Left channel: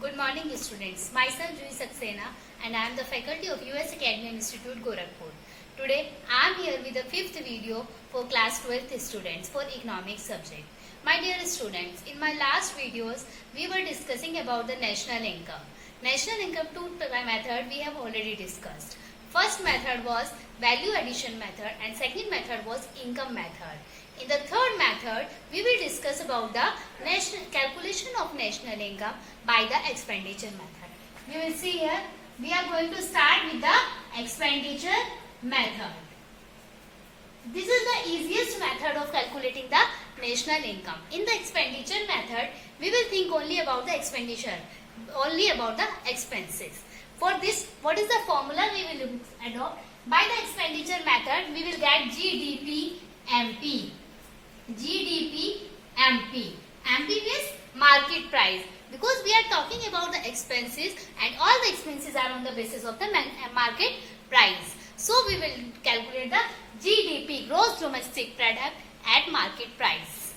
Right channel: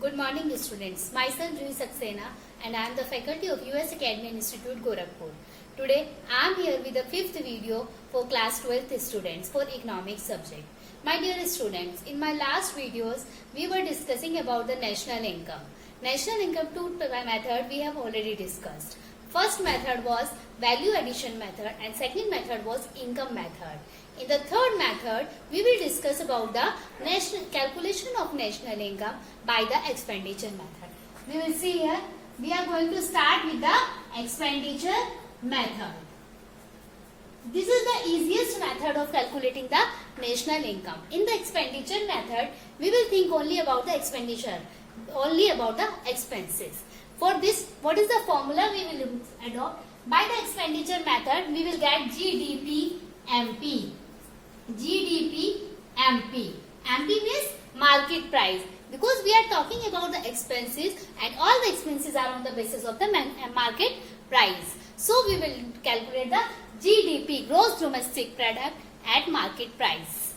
Good morning, students. Myself Juhi Saxena and I am the faculty of US Academy Institute, Gorakhpur. Today, I am here with the fifth video for class 12th students for economics subject. My dear students, in my last videos, we were discussing about the national income. National income two method we have already discussed. First method was value addition method and second method was income method. In the third method, we will discuss about the calculation of national income by the expenditure method. We will see here, we are going to start with the expenditure method. This is the easiest method of calculating the national income. In the expenditure method, we will think only about the expenditure, only about the expenses. For this, what is the formula we will adopt? By the expenditure method, we will get GDP MP. GDP MP. MP means market price. Because we are talking about the expenses and all the expenses are on the basis of the market price. So we will calculate the GDP, gross domestic product, at market price.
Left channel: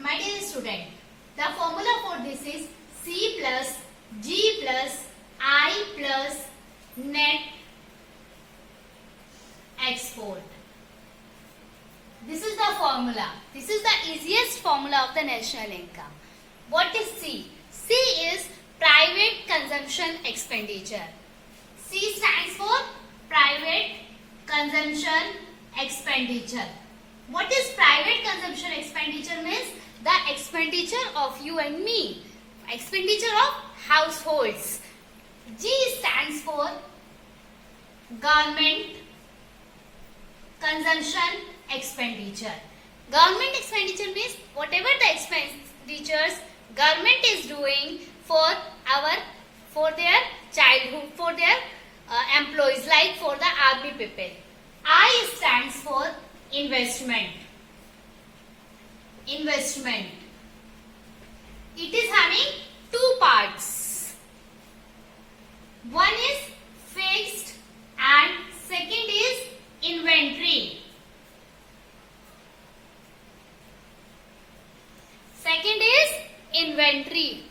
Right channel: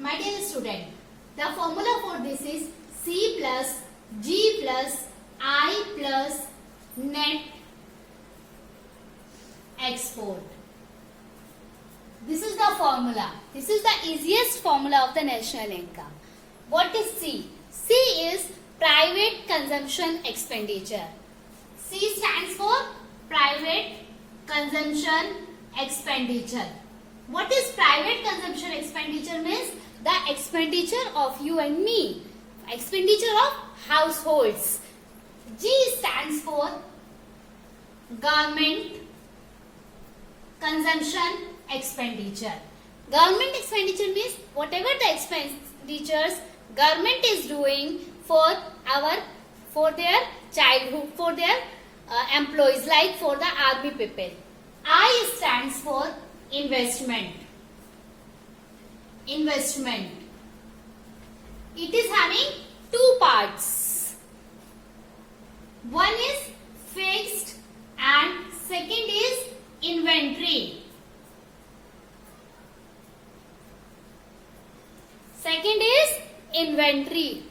My dear student, the formula for this is C plus G plus I plus net export. This is the formula. This is the easiest formula of the national income. What is C? C is private consumption expenditure. C stands for private consumption expenditure. What is private consumption expenditure means? The expenditure of you and me. Expenditure of households. G stands for government consumption expenditure. Government expenditure means whatever the expenditures government is doing for their childhood, for their employees, like for the army people. I stands for investment. Investment. It is having two parts. One is fixed and second is inventory. Second is inventory.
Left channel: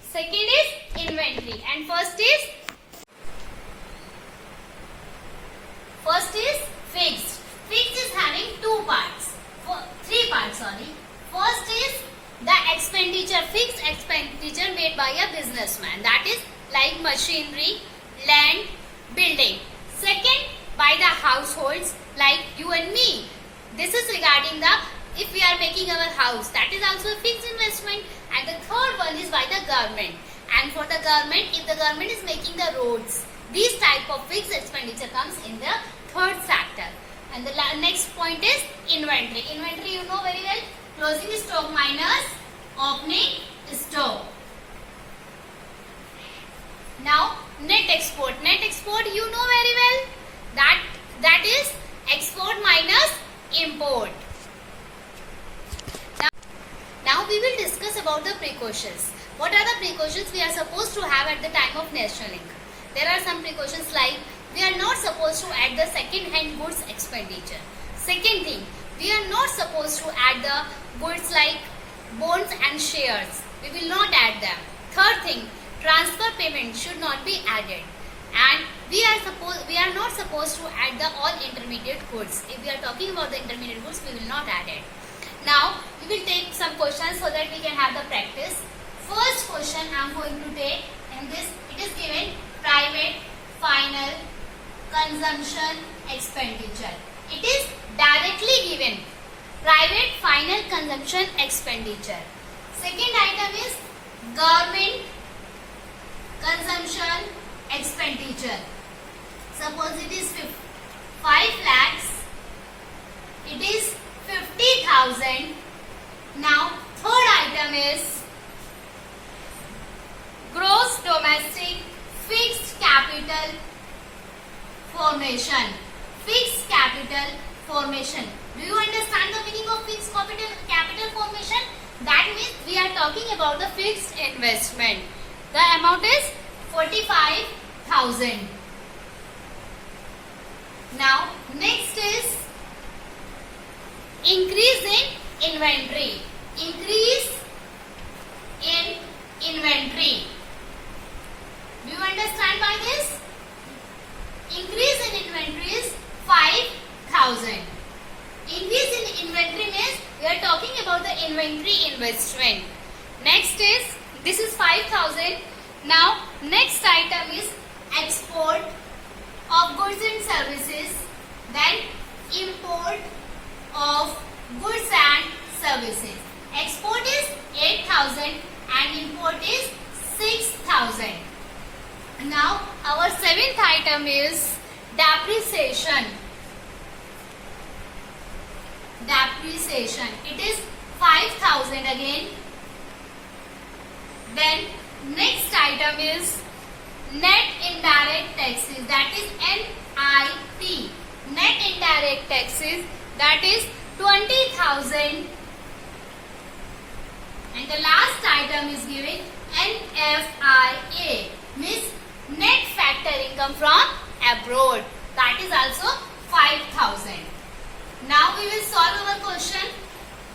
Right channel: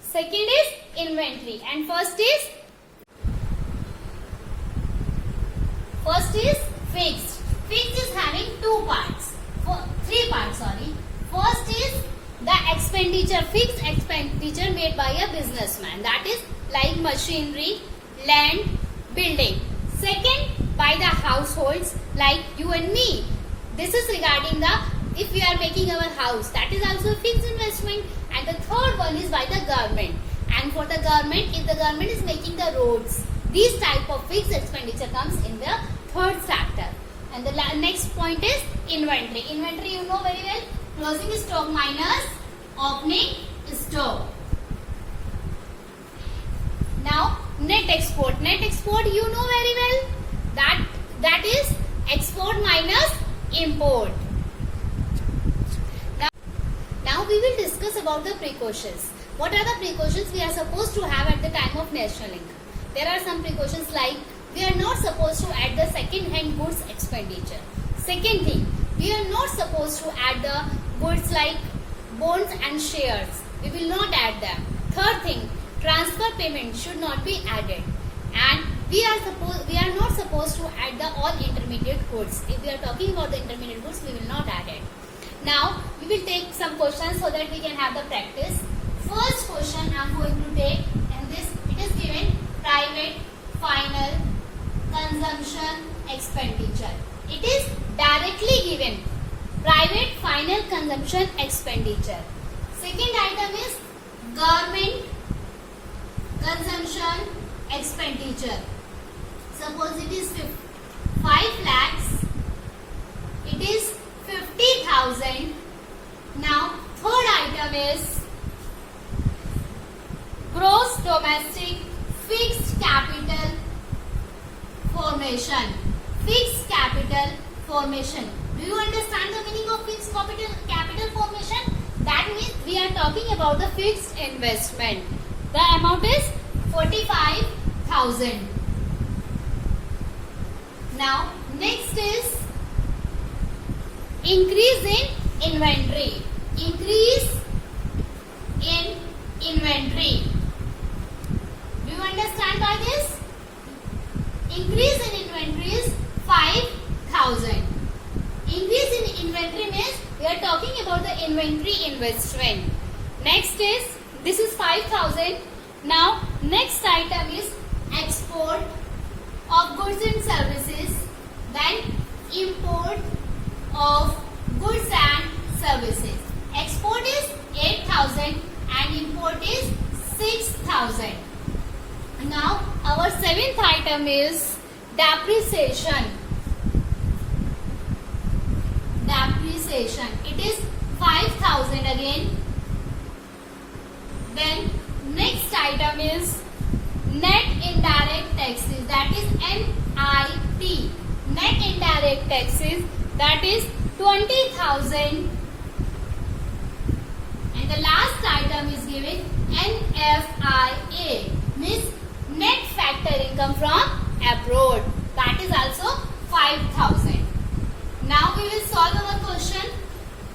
Second is inventory and first is fixed. Fixed is having three parts. First is the expenditure, fixed expenditure made by a businessman. That is like machinery, land, building. Second, by the households like you and me. This is regarding the if we are making our house, that is also a fixed investment. And the third one is by the government. And for the government, if the government is making the roads, these type of fixed expenditure comes in the third factor. And the next point is inventory. Inventory you know very well. Closing stock minus opening stock. Now net export. Net export you know very well. That is export minus import. Now we will discuss about the precautions. What are the precautions we are supposed to have at the time of national income? There are some precautions like we are not supposed to add the second hand goods expenditure. Second thing, we are not supposed to add the goods like bonds and shares. We will not add them. Third thing, transfer payment should not be added. And we are not supposed to add the all intermediate goods. If we are talking about the intermediate goods, we will not add it. Now, we will take some questions so that we can have the practice. First question I am going to take, and this it is given private final consumption expenditure. It is directly given private final consumption expenditure. Second item is government consumption expenditure. Suppose it is 5 lakhs. It is 50,000. Now, third item is gross domestic fixed capital formation. Fixed capital formation. Do you understand the meaning of fixed capital formation? That means we are talking about the fixed investment. The amount is 45,000. Now, next is increase in inventory. Increase in We are talking about the inventory investment. Next is, this is 5,000. Now, next item is export of goods and services. Then import of goods and services. Export is 8,000 and import is 6,000. Now, our seventh item is depreciation. Depreciation. It is 5,000 again. Then next item is net indirect taxes, that is NIT. Net indirect taxes, that is 20,000. And the last item is given NFIA, means net factor income from abroad, that is also 5,000. Now we will solve our question.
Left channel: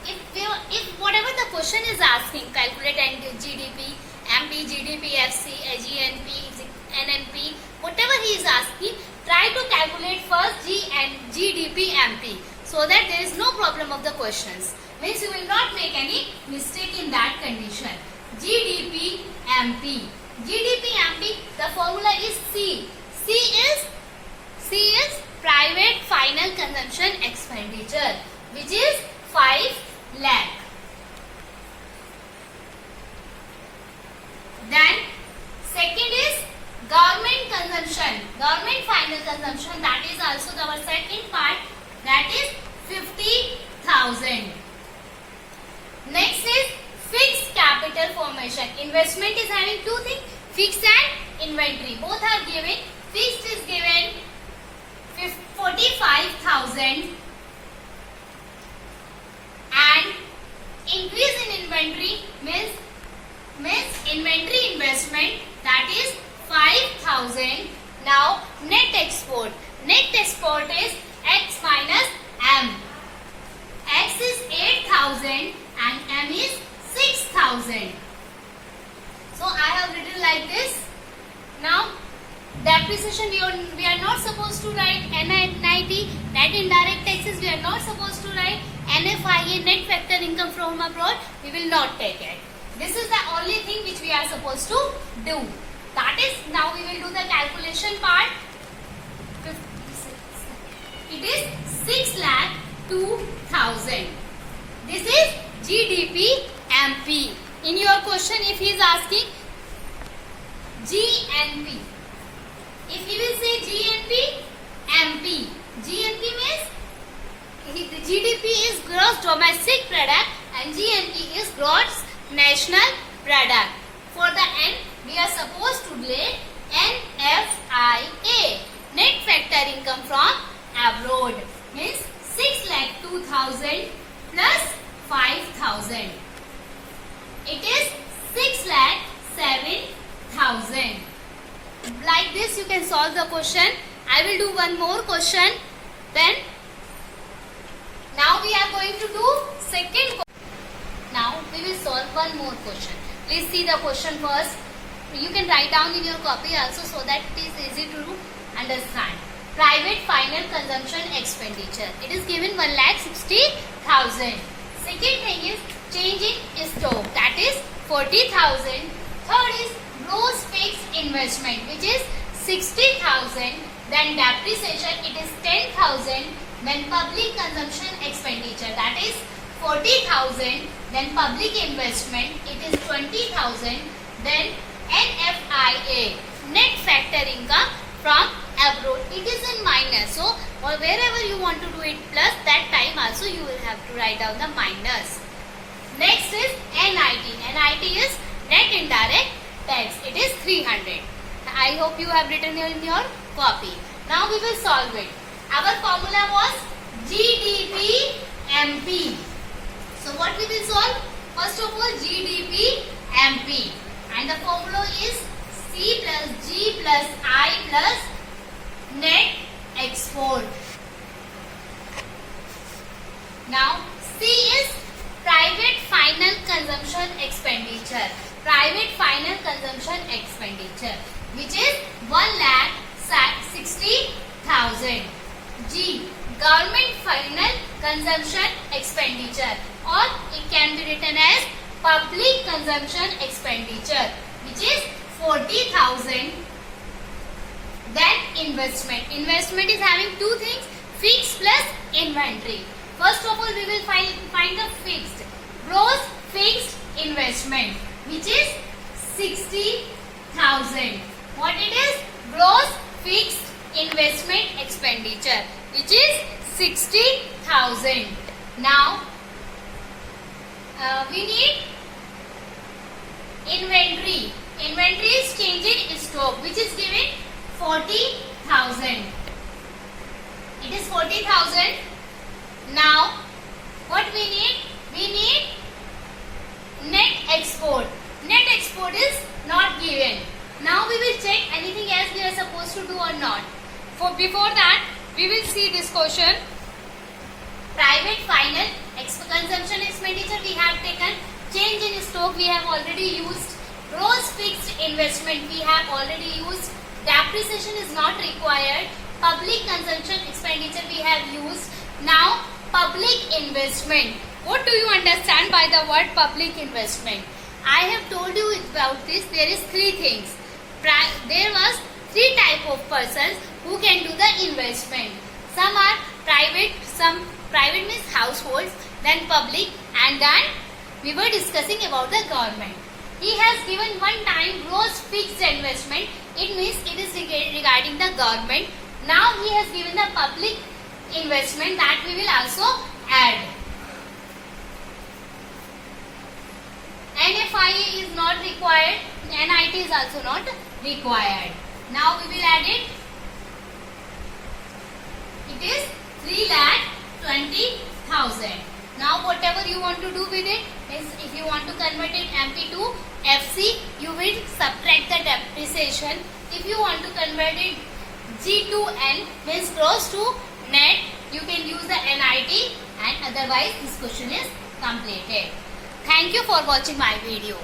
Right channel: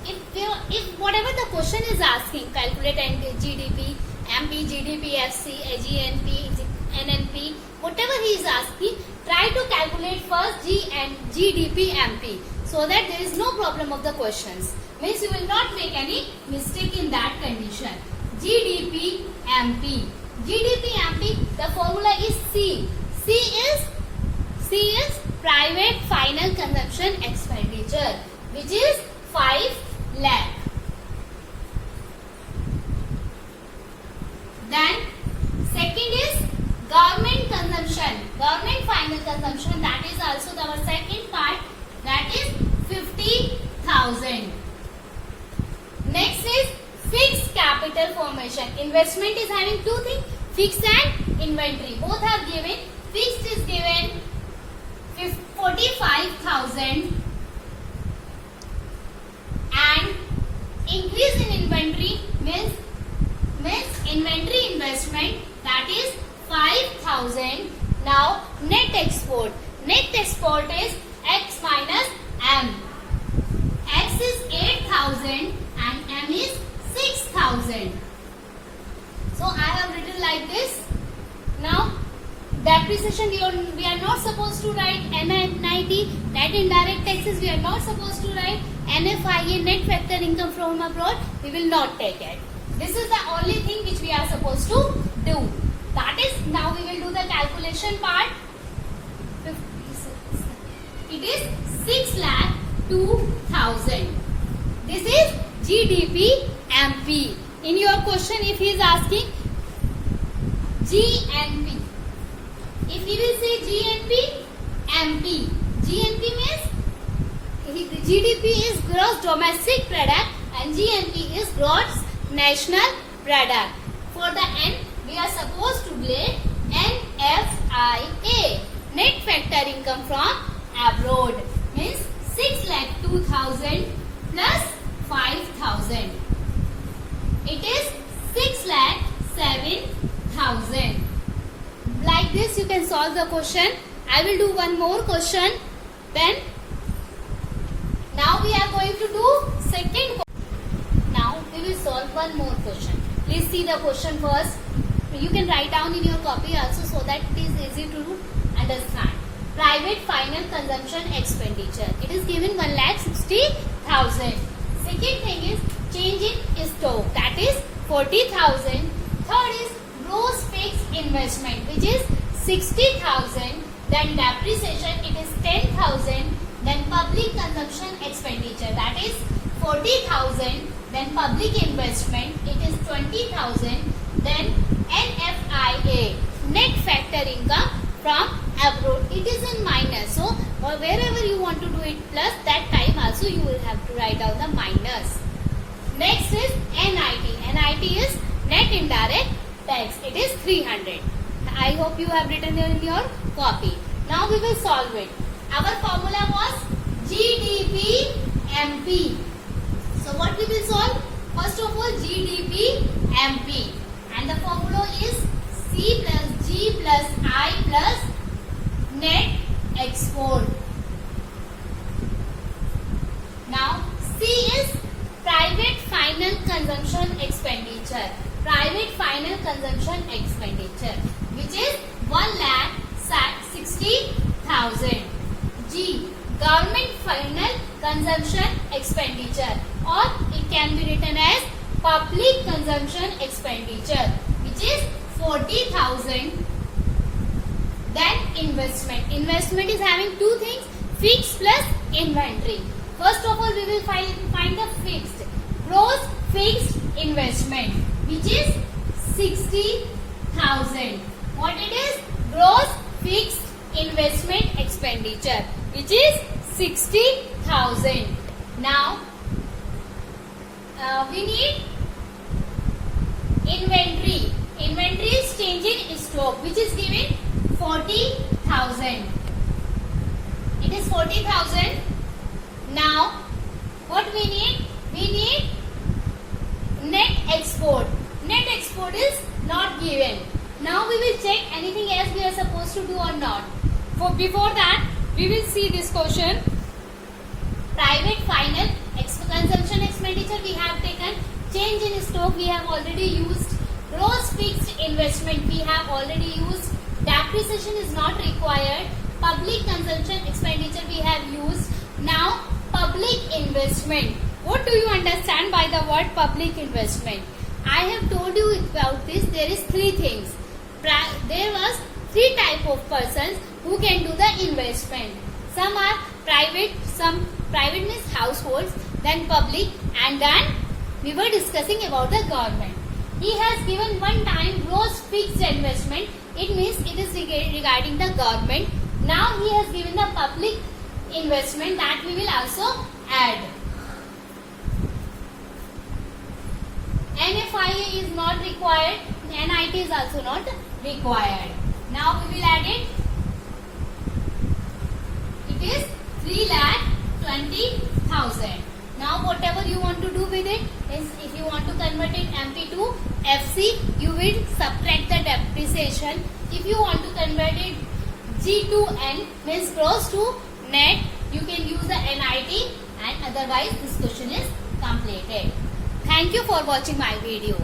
If whatever the question is asking, calculate GDP, MP, GDP, FC, GNP, NNP, whatever he is asking, try to calculate first GDP, MP, so that there is no problem of the questions. Means you will not make any mistake in that condition. GDP, MP. GDP, MP, the formula is C. C is private final consumption expenditure, which is 5 lakh. Then second is government consumption, government final consumption, that is also our second part, that is 50,000. Next is fixed capital formation. Investment is having two things, fixed and inventory. Both are given. Fixed is given 45,000 and increase in inventory means inventory investment, that is 5,000. Now net export. Net export is X minus M. X is 8,000 and M is 6,000. So I have written like this. Now depreciation we are not supposed to write. NIT, net indirect taxes, we are not supposed to write. NFIA, net factor income from abroad, we will not take it. This is the only thing which we are supposed to do. That is, now we will do the calculation part. It is 6,02,000. This is GDP, MP. In your question, if he is asking GNP, if he will say GNP, MP. GNP means GDP is gross domestic product and GNP is gross national product. For the N, we are supposed to relate NFIA, net factor income from abroad, means 6,02,000 plus 5,000. It is 6,07,000. Like this you can solve the question. I will do one more question. Then now we are going to do second question. Now we will solve one more question. Please see the question first. You can write down in your copy also so that it is easy to understand. Private final consumption expenditure. It is given 1,60,000. Second thing is change in stock, that is 40,000. Third is gross fixed investment, which is 60,000. Then depreciation, it is 10,000. Then public consumption expenditure, that is 40,000. Then public investment, it is 20,000. Then NFIA, net factor income from abroad, it is in minus. So wherever you want to do it plus, that time also you will have to write down the minus. Next is NIT. NIT is net indirect tax. It is 300. I hope you have written in your copy. Now we will solve it. Our formula was GDP MP. So what we will solve? First of all, GDP MP. And the formula is C plus G plus I plus net export. Now C is private final consumption expenditure. Private final consumption expenditure, which is 1,60,000. G, government final consumption expenditure, or it can be written as public consumption expenditure, which is 40,000. Then investment. Investment is having two things, fixed plus inventory. First of all, we will find the fixed, gross fixed investment, which is 60,000. What it is? Gross fixed investment expenditure, which is 60,000. Now, we need inventory. Inventory is changing in stock, which is given 40,000. It is 40,000. Now, what we need? We need net export. Net export is not given. Now we will check anything else we are supposed to do or not. Before that, we will see this question. Private final consumption expenditure we have taken. Change in stock we have already used. Gross fixed investment we have already used. Depreciation is not required. Public consumption expenditure we have used. Now, public investment. What do you understand by the word public investment? I have told you about this. There is three things. There was three type of persons who can do the investment. Some are private, some private means households, then public, and then we were discussing about the government. He has given one time gross fixed investment. It means it is regarding the government. Now he has given the public investment, that we will also add. NFI is not required. NIT is also not required. Now we will add it. It is 3,20,000. Now whatever you want to do with it is, if you want to convert it MP to FC, you will subtract the depreciation. If you want to convert it G to N, means gross to net, you can use the NIT, and otherwise this question is completed. Thank you for watching my video.